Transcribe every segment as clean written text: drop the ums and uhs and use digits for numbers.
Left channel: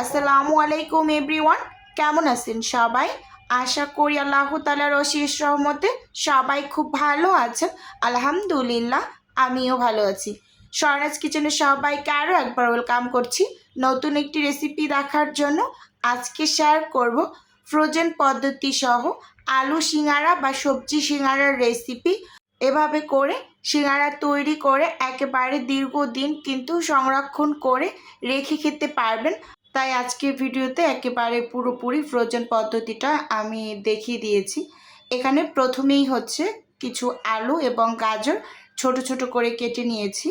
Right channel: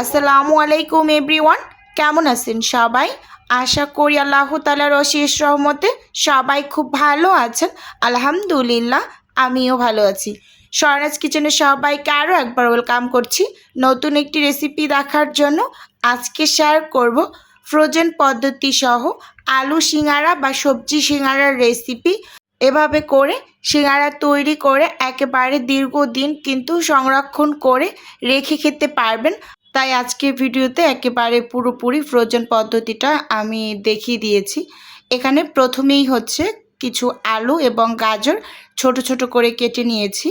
আসসালামু আলাইকুম এভরিওয়ান, কেমন আছেন সবাই? আশা করি আল্লাহ তাআলার অশেষ রহমতে সবাই খুব ভালো আছেন। আলহামদুলিল্লাহ, আমিও ভালো আছি। স্বর্ণাজ কিচেনে সবাইকে আরও একবার ওয়েলকাম করছি নতুন একটি রেসিপি দেখার জন্য। আজকে শেয়ার করব ফ্রোজেন পদ্ধতি সহ আলু সিঙ্গারা বা সবজি সিঙ্গারার রেসিপি। এভাবে করে সিঙ্গারা তৈরি করে একেবারে দীর্ঘদিন কিন্তু সংরক্ষণ করে রেখে খেতে পারবেন। তাই আজকের ভিডিওতে একেবারে পুরোপুরি ফ্রোজেন পদ্ধতিটা আমি দেখিয়ে দিয়েছি। এখানে প্রথমেই হচ্ছে কিছু আলু এবং গাজর ছোট ছোট করে কেটে নিয়েছি।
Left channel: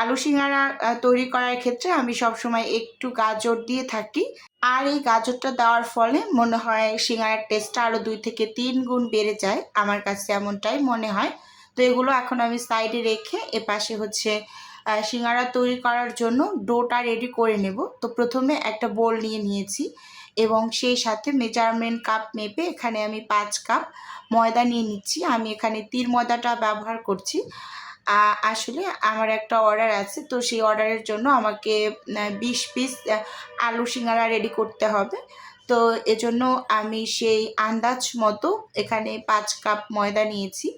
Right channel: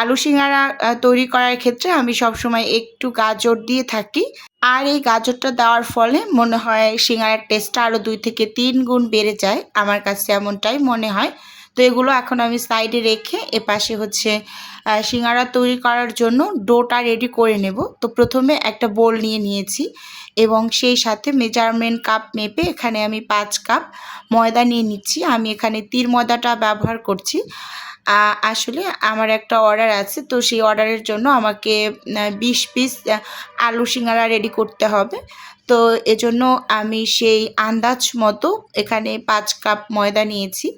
আলু সিঙ্গারা তৈরি করার ক্ষেত্রে আমি সবসময় একটু গাজর দিয়ে থাকি, আর এই গাজরটা দেওয়ার ফলে মনে হয় সিঙ্গারার টেস্টটা আরও 2 থেকে 3 গুণ বেড়ে যায়, আমার কাছে এমনটাই মনে হয়। তো এগুলো এখন আমি সাইডে রেখে এপাশে হচ্ছে সিঙ্গারা তৈরি করার জন্য ডোটা রেডি করে নেব। তো প্রথমে একটা বোল নিয়েছি এবং সেই সাথে মেজারমেন্ট কাপ মেপে এখানে আমি 5 কাপ ময়দা নিয়ে নিচ্ছি। আমি এখানে তীর ময়দাটা ব্যবহার করছি। আসলে আমার একটা অর্ডার আছে, তো সেই অর্ডারের জন্য আমাকে 20 পিস আলু সিঙ্গারা রেডি করতে হবে। তো এজন্য আমি সেই আন্দাজ মতো এখানে 5 কাপ ময়দা নিয়েছি।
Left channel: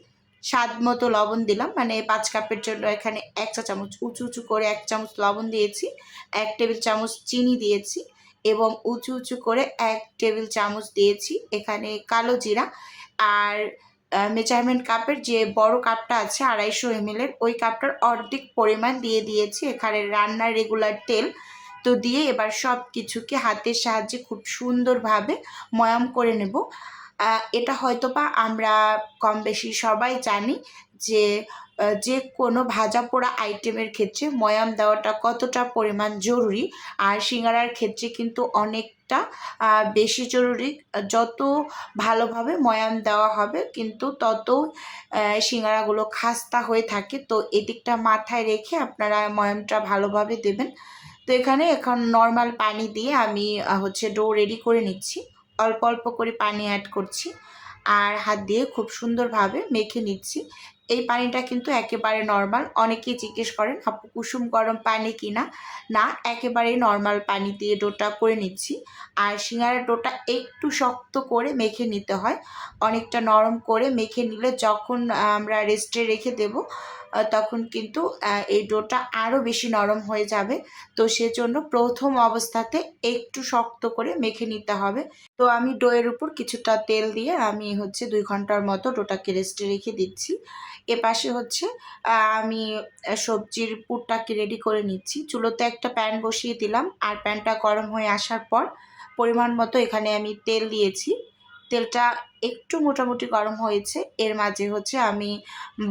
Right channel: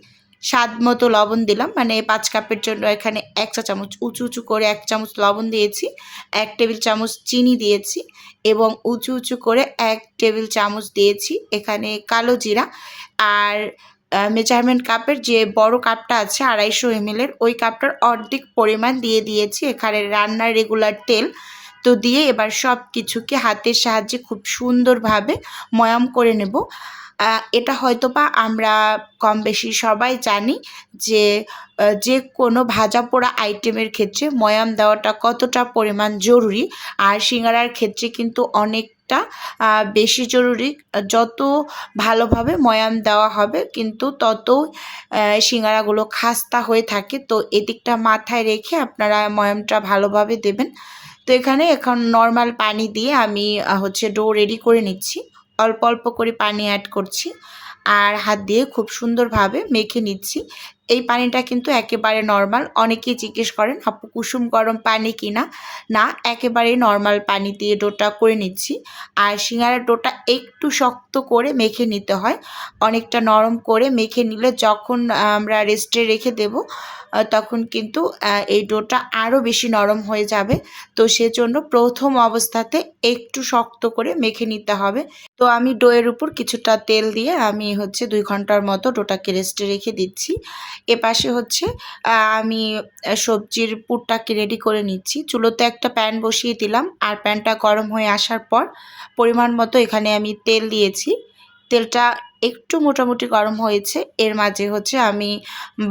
স্বাদ মতো লবণ দিলাম, মানে 5 কাপের জন্য এখানে 1 চা চামচ উঁচু করে 1 চামচ লবণ দিয়েছি, 1 টেবিল চামচ চিনি দিয়েছি এবং উঁচু করে 1 টেবিল চামচ দিয়েছি এখানে কালো জিরা। আর মেজারমেন্ট কাপের যে বড় কাপটা আছে 250 ml ওই কাপটার অর্ধেক পরিমাণ দিয়েছি এখানে রান্নার রেগুলার তেল। তো দিয়ে এবার সব কিছুকে হাতের সাহায্যে খুব সুন্দরভাবে ময়াম করে নেব। এটা হয়তোবা আমরা কম বেশি সবাই জানি যে যে কোনো ভাজা পোড়া আইটেমের ক্ষেত্রে ময়াম দেওয়াটা কতটা পরিমাণ জরুরি, আর সিঙ্গারার ক্ষেত্রে কিন্তু অনেকটা বেশি জরুরি। যত ভালোভাবে ময়াম দেওয়া হবে কিন্তু তত সিঙ্গারাগুলো খাস্তা হয়ে থাকে। তো এদিকটা মাথায় রেখে আপনারা ময়ামটা ভালোভাবে দেবেন। তো এখানে এখন নর্মাল পানি দিয়ে আমি হচ্ছে ডো রেডি করে নিচ্ছি। অল্প অল্প করে পানি অ্যাড করছি আর হাত দিয়ে খুব সুন্দরভাবে মেখে নিচ্ছি। এই পানিটা কিন্তু একেবারে নর্মাল। অনেকেই জিজ্ঞেস করেন আপু কুসুম গরম পানি কিনা? না, একেবারেই নর্মাল পানি দিয়ে ডোটা করে নিচ্ছি। আর সিঙ্গারার ডোটা একটু শক্ত করে মেখে নিতে হয়, অনেকটা নরম করে মেখে নিলে যখন আমরা রেস্টে রেখে দেব তখন কিন্তু এই ডোটা আরও বেশি নরম হয়ে যাবে। তো সেজন্য প্রথম অবস্থাতে একটু শক্ত করে মেখে নিতে হবে। তো আমি ডোয়ের উপর কিছুটা তেল দিয়ে আমি হচ্ছে 2 ঘন্টার মতো ডোটাকে রেস্টে রেখে দিচ্ছি। এপাশে হচ্ছে আমি সবজির পুরটাকে রেডি করে নিচ্ছি। চুলোতে একটা প্যান বসিয়ে দিলাম, আর প্যানটা গরম হয়ে আসার পর পরিমাণ মতো এখানে আমি তেল দিয়েছি। তেলটা একটু মোটামুটি গরম হয়েছে, এর মাঝে হচ্ছে আমি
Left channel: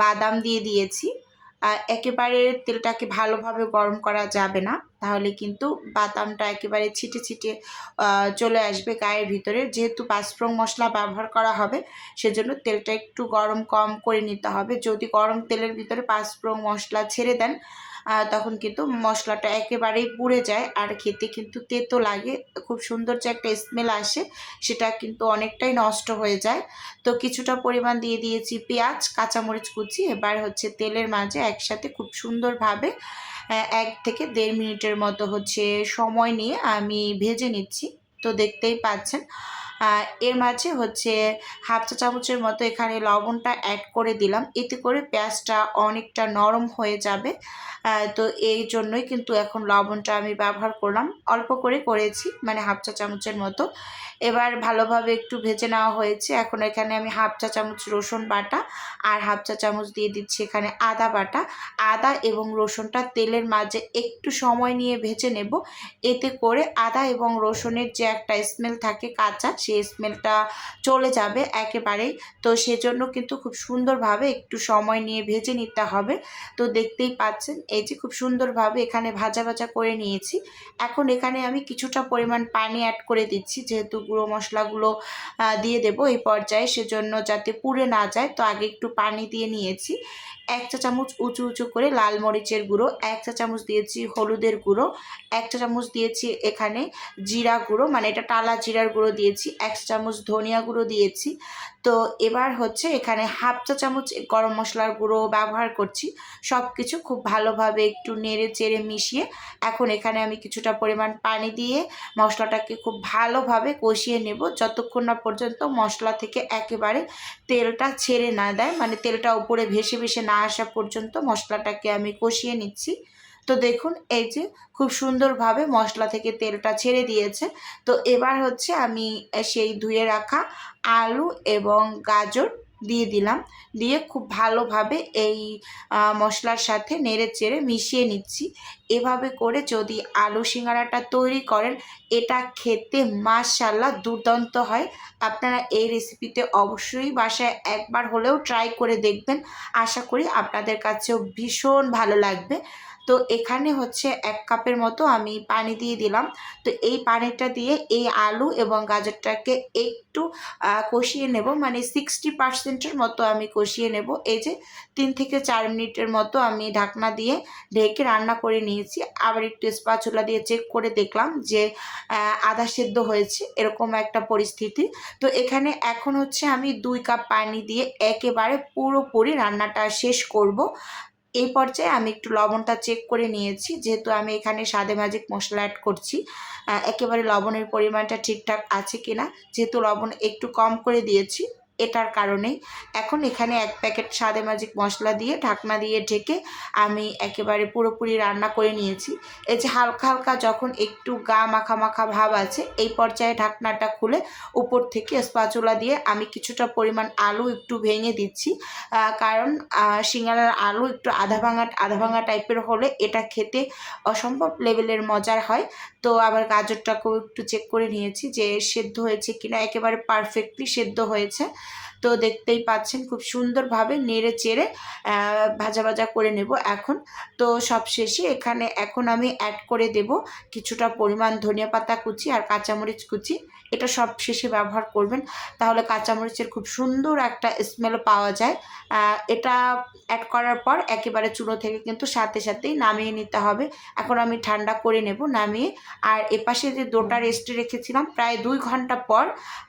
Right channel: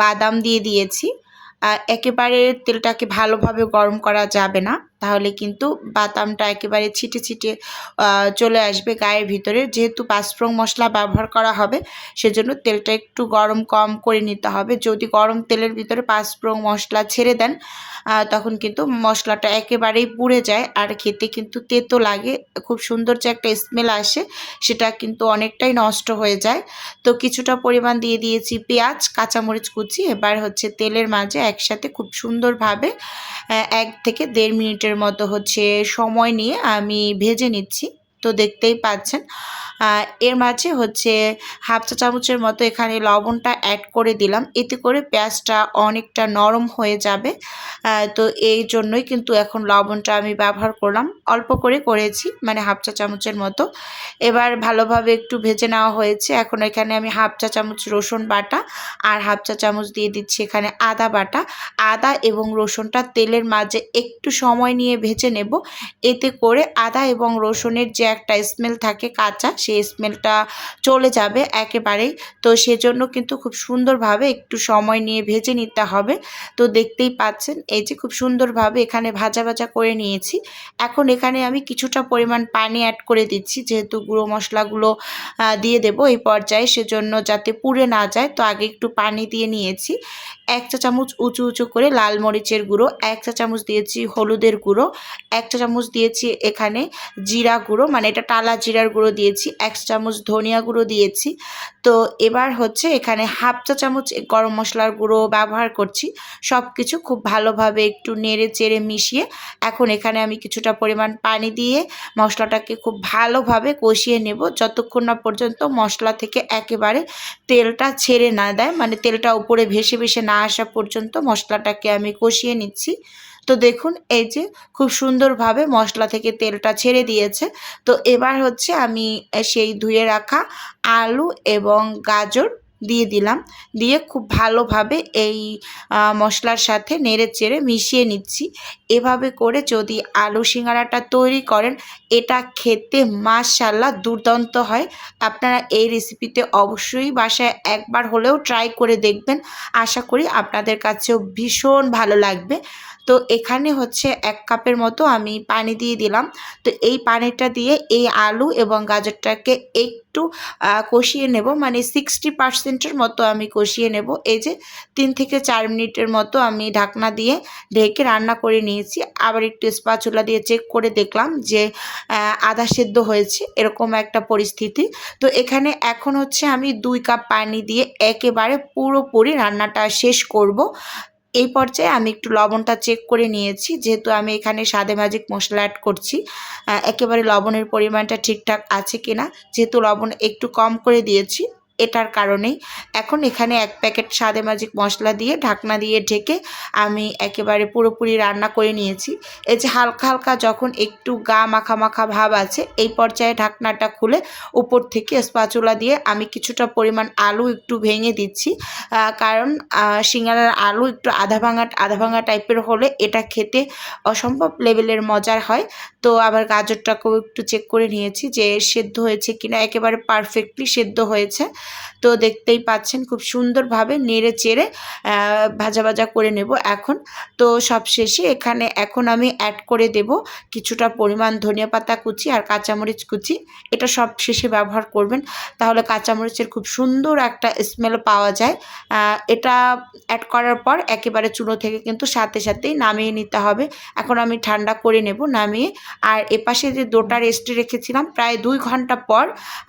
বাদাম দিয়েছি। একেবারে তেলটাকে ভালোভাবে গরম করা যাবে না, তাহলে কিন্তু বাদামটা একেবারে ছিটে চলে আসবে গায়ের ভিতরে। যেহেতু 5 ফোড়ন মশলা ব্যবহার করা হবে সেজন্য তেলটা একটু গরম কম করে নিতে হবে। যদি গরম তেলের ভিতরে 5 ফোড়ন মশলা ছেড়ে দেন তখন কিন্তু মশলাটা একেবারেই পুড়ে যায় আর খেতে কিন্তু তেতো লাগে। খুব সুন্দর যে একটা স্মেল আসে সেটা কিন্তু অনেকটাই নষ্ট হয়ে যায়। তো কিছুটা পরিমাণ দিয়েছি পেঁয়াজ, কাঁচামরিচ কুচি। এবার হচ্ছে তেলের মাঝে একসাথে খুব সুন্দরভাবে 1 থেকে 1.5 মিনিটের মতো হচ্ছে সময় নিয়ে আমি ভেজে নিচ্ছি। তো দেখতেই পাচ্ছেন এর মাঝে হচ্ছে 1/2 চা চামচের মতো এখানে লবণটা অ্যাড করে দিলাম, এতে করে পেঁয়াজটা অনেকটা নরম হয়ে যাবে। তো এই জন্যই কিন্তু এখন লবণটা আমি ব্যবহার করলাম, অল্প করে করেছি, মানে 1/2 চা চামচের মতো। এবার ভালোভাবে একটু ভেজে নেওয়া হয়েছে। এখন এখানে আমি 1/2 চা চামচ রসুন বাটা আর 1/2 চা চামচ দিয়ে দিচ্ছি এখানে আদা বাটা। আদা এবং রসুনটা তেলের মাঝে একটু সময় নিয়ে ভেজে নেব, এতে করে আদা এবং রসুনের যে একটা স্মেল থাকে কাঁচা, সেই স্মেলটা চলে যাবে একেবারেই। তো সেজন্য কিন্তু খুব সুন্দরভাবে একটু সময় নিয়ে ভেজে নিতে হবে। তো দেখতেই পাচ্ছেন এই যে খুব সুন্দরভাবে এখানে ভাজা করে নিয়েছি। এখন এখানে আমি কিছুটা পরিমাণ পানি অ্যাড করে দিচ্ছি, যেহেতু গুঁড়ো মশলাগুলো দিয়ে দেব এই পর্যায়ে, সেজন্য যাতে পুড়ে না যায়। তো আগে একটু পানি দিয়ে নিয়েছি। 1 চা চামচ উঁচু করে লাল মরিচের গুঁড়ো, 1 চা চামচ দিয়েছি হলুদের গুঁড়ো, 1 চা চামচ দিয়েছি এখানে জিরা গুঁড়ো, মানে এটা টালা জিরার গুঁড়ো দিয়েছি, 1 চামচ ধনিয়া গুঁড়ো দিয়েছি। তো এবার হচ্ছে এখানে হাফ চা চামচ গরম মশলার গুঁড়ো ব্যবহার করছি। সব কিছু খুব ভালোভাবে একটু নেড়ে চেড়ে মিশিয়ে এখন এখানে আমি কিছুটা পরিমাণ পানি দিয়ে মশলাটাকে খুব ভালোভাবে কষিয়ে নেব, যতক্ষণ না পর্যন্ত মশলা থেকে একেবারে তেলটা ছেড়ে না দেয়, মানে তেলটা উপরে ভেসে ভেসে না আসা পর্যন্ত মশলাটাকে আমি কষিয়ে নিচ্ছি। তো দেখুন এই যে খুব সুন্দরভাবে মশলা থেকে তেলটা ছেড়ে দিয়েছে। তো এবার হচ্ছে আমি সেই ধুয়ে রাখা আলু এবং গাজর দিয়ে দিলাম, দিয়ে খুব ভালোভাবে এই মশলার সাথে নেড়ে চেড়ে মিশিয়ে নিচ্ছি। এভাবে করে যদি আলু সিঙ্গারাটা তৈরি করেন, এটা খেতে মাশাআল্লাহ দুর্দান্ত হয়। আপনারা এই রেসিপিতে অবশ্যই বাসায় একবার হলেও ট্রাই করে দেখবেন। আশা করি আপনাদের কাছেও ভীষণ ভালো লাগবে। তো এখানে হচ্ছে 1 কাপের মতো আমি পানি দিয়ে দিলাম। তো এই পানিটা দিয়ে এই আলু এবং গাজরটাকে একটু কষিয়ে নেব, মানে 60% মতো আমি কষিয়ে নেব। এই যে 3 থেকে 4 মিনিটের মতো আমি ঢাকনা দিয়ে ঢেকে রান্না করে নিয়েছি। আবার একটু স্প্যাচুলা দিয়ে চেক করে দেখলাম যে আধা সেদ্ধ হয়েছে, এরকম একটা পরিস্থিতি। তো এখানে এখন হচ্ছে আমি 2 কাপ পানি দিয়ে একেবারে পুরোপুরি রান্নাটা শেষ করব। এই পর্যায়ে আমি একটু লবণটা চেক করে নিয়েছি, যেহেতু আমি এখানে স্বাদে ম্যাজিক মশলা অ্যাড করছি। একেবারে লবণের পরিমাণটা ঠিকঠাক আছে কিনা, যেহেতু লবণ একটু কম করে দিয়েছি এটার কারণেই। এখন এখানে 1 প্যাকেট স্বাদে ম্যাজিক মশলা দিয়ে ঢাকনা দিয়ে ঢেকে আমি একেবারে পুরোপুরি রান্না করে নিয়েছি। এই যে হালকা হালকা যখন একটু গা মাখা মাখা ভাব আছে, এই পর্যায়ে ঢাকনাটা খুলে উপর থেকে স্প্যাচুলা দিয়ে আমি কিছুটা পরিমাণ আলু একটু ভেঙে দিচ্ছি। কারণ সিঙ্গারার আলু একটু আধা ভাঙা টাইপের হলে এটা খেতে অসম্ভব লেভেলের মজার হয়। তো আবার গাজরটাকেও একটু চেক করে নিয়েছি যে সেদ্ধ হয়েছে কিনা, একেবারে পারফেক্টলি সেদ্ধ হয়েছে। তো দেখতেই পাচ্ছেন খুব সুন্দরভাবে নেড়ে চেড়ে ভাজা ভাজা করে নেব এখন। তো সবশেষে এখানে এখন আমি অ্যাড করে দেব কিছুটা পরিমাণ ধনিয়া পাতা কুচি আর কাঁচামরিচ কুচি। এটা সব শেষে ব্যবহার করবেন, তাহলে কাঁচামরিচের খুব সুন্দর একটা স্মেল পাওয়া যায়। এটা অ্যাড করার পর একেবারে চুলো থেকে কিন্তু সাথে সাথেই নামিয়ে নিতে হবে। এখন আমি ঠান্ডা করে নেব নামিয়ে। আর এপাশে যে ডোটা রেস্টে রেখেছিলাম প্রায় 2 ঘন্টা পর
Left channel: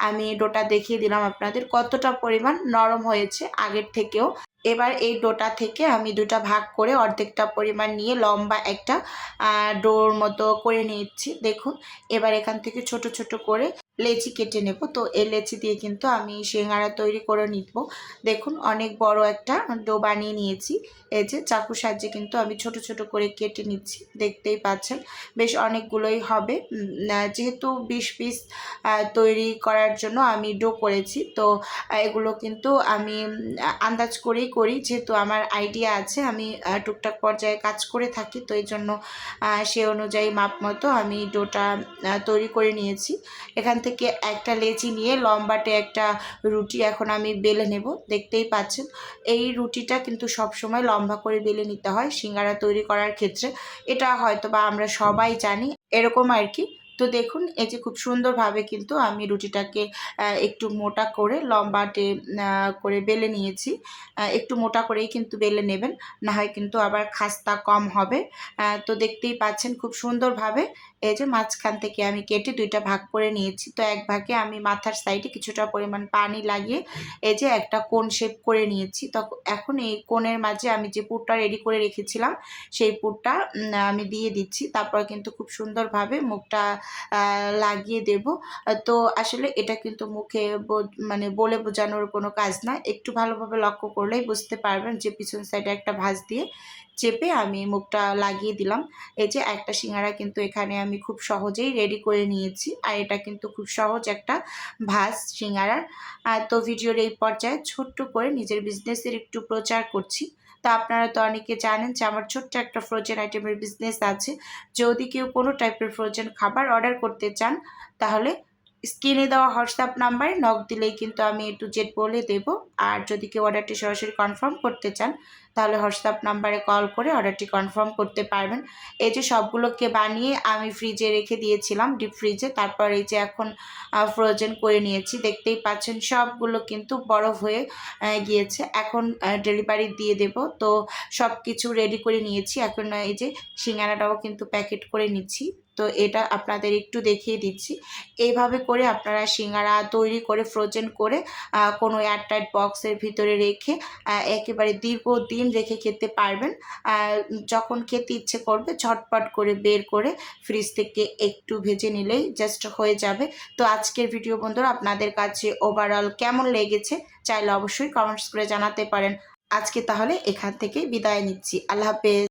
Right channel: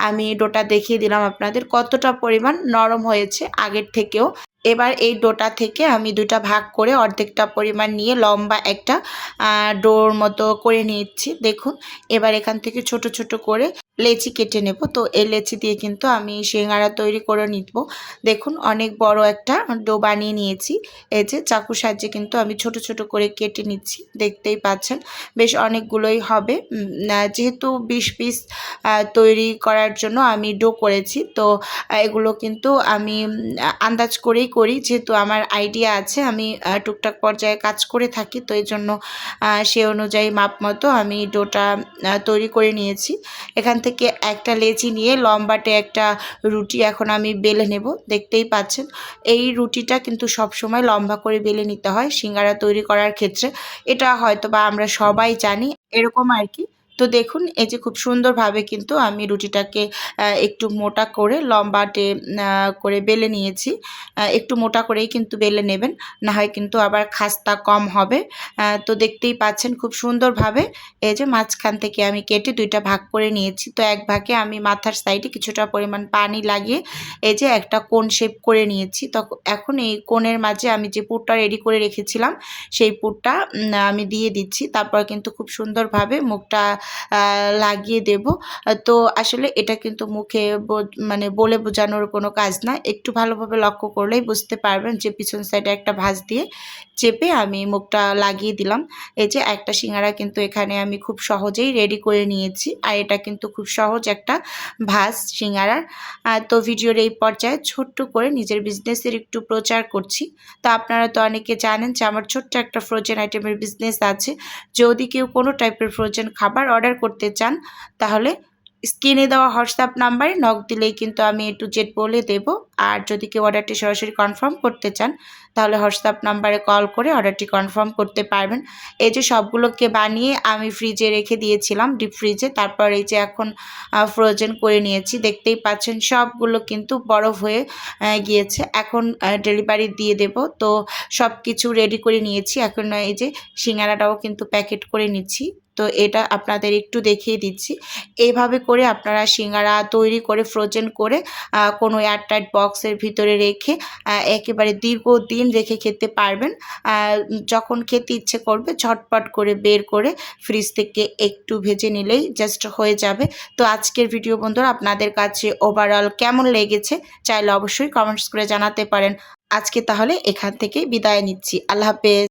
আমি ডোটা দেখিয়ে দিলাম আপনাদের কতটা পরিমাণ নরম হয়েছে আগের থেকেও। এবার এই ডোটা থেকে আমি 2টা ভাগ করে অর্ধেকটা পরিমাণ নিয়ে লম্বা একটা ডোর মতো করে নিচ্ছি। দেখুন এবার এখান থেকে ছোট ছোট করে লেচি কেটে নেব। তো এই লেচি দিয়ে কিন্তু আমি সিঙ্গারা তৈরি করে নিব। দেখুন অনেক বড় একটা ডো বানিয়ে নিয়েছি। এই যে চাকুর সাহায্যে কিন্তু আমি ছোট ছোট করে কেটে নিচ্ছি, দেখতেই পাচ্ছেন বেশ অনেকগুলোই হবে। যেহেতু 20 পিস তৈরি করার জন্য আমি ডো করেছি, তো এগুলো কিন্তু আমি আন্দাজ করেই করি, যেহেতু আমার আইডিয়া আছে, আমি টুকটাক পর্যায়ে কাজ করে থাকি। তো এই জন্য সে অনুযায়ী মাপ মতো আমি ডোটা তৈরি করে নিয়েছি। এখান থেকে একটা লেচি নিয়ে লম্বাটে একটা রুটি এখন আমি বেলে নেব। দেখতেই পাচ্ছেন এই রুটিটা কিন্তু সব সময় লম্বা করে বেলে নিতে হয় সিঙ্গারা তৈরি করার ক্ষেত্রে। এটা হয়তো বা আমরা সবাই জানি, এরকম আর কি। তো দেখুন এই যে খুব সুন্দরভাবে কিন্তু আমি রুটিটাকে একটু মোটা করে লম্বাটে করে বেলে নিয়েছি। একটু মোটা করেই কিন্তু বেলে নেবেন, না হয় কিন্তু আবার খাস্তা কম হবে। তো দেখতেই পাচ্ছেন খুব সুন্দরভাবে এই যে মাঝখান থেকে আমি কেটে 2টা ভাগ করে নিয়েছি। তো এক ভাগে আমি মাথার সাইডে কিছুটা পরিমাণ পানি লাগিয়ে এই যে একটা কোণ শেপ করে নিয়েছি। তো এখন এই কোণের মাঝে আমি যে পুরটা রেডি করে রেখেছিলাম সেই পুরটা আমি দিয়ে দিচ্ছি। তারপর কিন্তু খুব সুন্দরভাবে মুখটা লাগিয়ে দেব। তো আসলে এটা কিন্তু মুখে মানে বলে বোঝানোর কোনো কাজ না, একটু ভালোভাবে লক্ষ্য করলেই বুঝতে পারবেন যে পিছন সাইডে একটা ভাঁজ দিয়ে চেপে আমি মুখটা লাগিয়ে দিলাম। এই যে একটা সিঙ্গারা কিন্তু এখানে আমি খুব সহজেই রেডি করে নিয়েছি। আর এটা কিন্তু খুব সহজ একটা ভাঁজ সিঙ্গারার। তো ভিডিওর এই পর্যায়ে ছোট্ট করে নিজের বিজনেসের একটু প্রচার করছি। তো আপনারা তো অনেকে জানেন যে আমার ছোট্ট একটা ফ্রোজেন আইটেমের বিজনেস আছে। যদি কেউ কোনো টাইপের ফ্রোজেন খাবার অর্ডার করতে চান, তাহলে স্ক্রিনে দেওয়া হোয়াটসঅ্যাপ নাম্বারে নক দিলেই কিন্তু আমি A to Z বলে দেব। আর যদি কেউ অর্ডারটি সরাসরি কনফার্ম করতে চান, তাহলে হোয়াটসঅ্যাপ নাম্বারে কল করে অর্ডারটি কনফার্ম করতে পারবেন। এই যে সবগুলোকে বানিয়ে আমি ফ্রিজে রেখে দিয়েছিলাম, ডিপ ফ্রিজে। তারপর এই যে এখন ফ্রোজেন করে নিয়েছি। দেখতেই পাচ্ছেন সবগুলো কিন্তু বরফ হয়ে গিয়েছে। এখন ডেলিভারি দিয়ে দেব। তো সব কিছু রেডি করে নিয়েছি। এখন এই যে সিঙ্গারাটাও কিন্তু প্যাকেট করে নিচ্ছি। তো তো এটা আপনাদের একটু দেখিয়ে দিচ্ছি। এইভাবে করে আপনারা সিঙ্গারা তৈরি করে ফ্রোজেন করে কোনো এয়ারটাইট বক্সের ভিতরে রেখে একেবারে দীর্ঘদিন রেখে খেতে পারবেন। যখন খেতে ইচ্ছে করবে ঝটপট করে বের করে ফ্রিজ থেকে একটু ভেজে নিলেই জাস্ট হয়ে যাবে। তো আজকের ভিডিও বন্ধুরা আপনাদের কাছে ওভারঅল কেমন লেগেছে চাইলে অবশ্যই কমেন্টস করে জানাতে পারেন। আজকে তাহলে এখান থেকে বিদায় নিচ্ছি। আল্লাহ হাফেজ।